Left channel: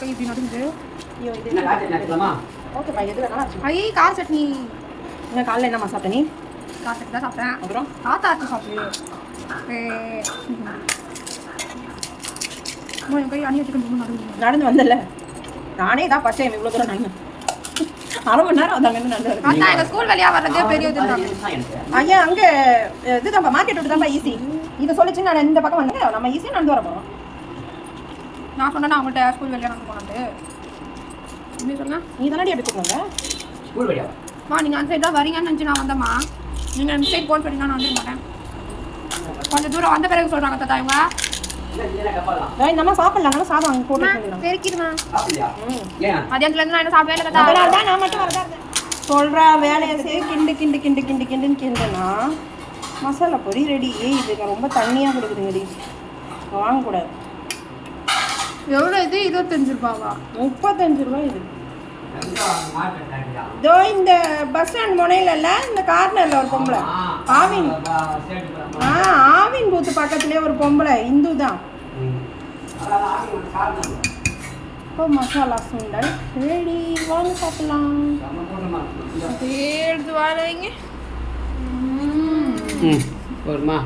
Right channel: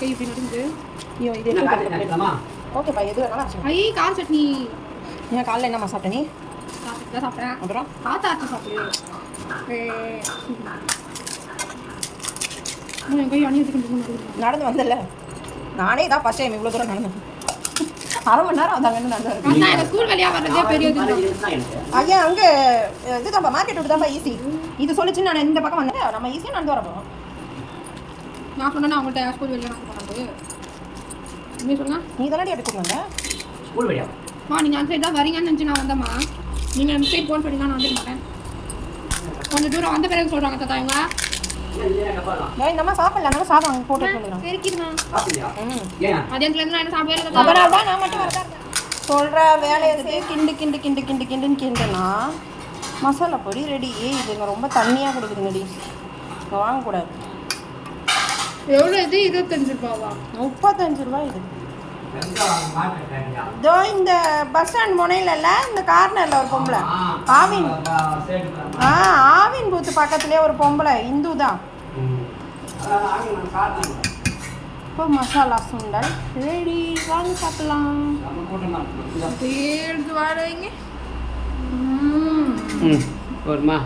கை இப்படி நடுங்குது. ஐயோ இது என்ன காய்ச்சல் நடக்கலாமா? ஓகேப்பா எது வேணாலும். ஐயே கார சட்னி. இன்னும் காலைல என்னம்மா சாப்பிட்ட நீ? கார சட்னி தான் சாப்பிட்டேன். அப்புறம் காத்தா ஆச்சு சாப்பிடு. என் கை அணி வச்சுக்கிட்டு நடுங்குது. நடந்து வந்தல நானே தான் ஃபர்ஸ்ட் டைம் இவ்வளோ தூரம் நடந்தேன். அரை மணி நேரம் அதாங்க நடந்து வரேன். அதான் எங்கள் ஸ்கூல் வழியாக வர்றதே பெரிய இதுதான். ஐயா அங்கே இதுதான்ப்பா மார்க்கெட் விட்டு தான்ப்பா ஈஸி. இதை சொல்லிச்சு நான் இந்த பக்கம் வந்து நம்ம ஈஸியாக நடந்து வர போகிறோம். நான் சொன்னேன்னா அவங்கள்ட்ட ஸ்கூல் வழியாக நடந்து போனாது. நீ சொல்லுங்கள். நீ தானே எடுத்து போங்க ஸ்கூல் வழியாக. நீங்கள் அந்த சைடு தான் வரீங்கன்னு நினச்சி நான் வந்தேம்மா. நீங்கள் அந்த சைட் போன்னு சொல்லி நான் வந்துக்க மாட்டேன். கொஞ்சம் தூரம் வந்த பிறகு சொல்கிறாங்க தாத்தா இவங்க. நம்ம சாப்பிடலாம் சாதம் அங்கே போட்டு பெருக்கிடுமா ஏன் மதியானத்துலேருந்து நான் என்ன சாப்பிடவே இல்லை தாத்தா. நான் மட்டும் வரதா சொல்கிற வேலையை செய்ய கிண்டுன்னு கிண்டுனா மசாலா பொடி ரெடி. இது ரொம்ப தண்ணியாக கொடுக்குதுங்கடி, வாங்கக்கூடாது. எவ்வளோ இது 25 ரூபாவா? 35 ரூபா இது. இதோ இந்த பஸ் ஸ்டாண்ட் முனையில இந்த கார்னரில் ஒரு பொம்பளை ஆவின் பூத்து பக்கத்துலேயே ஒரு பொம்பளை இந்து தான். இப்போ மசாலா சுண்டல் ரெடி, வாங்க சாப்பிடலாம். எடுத்து வாழ வைங்க. போதுமா?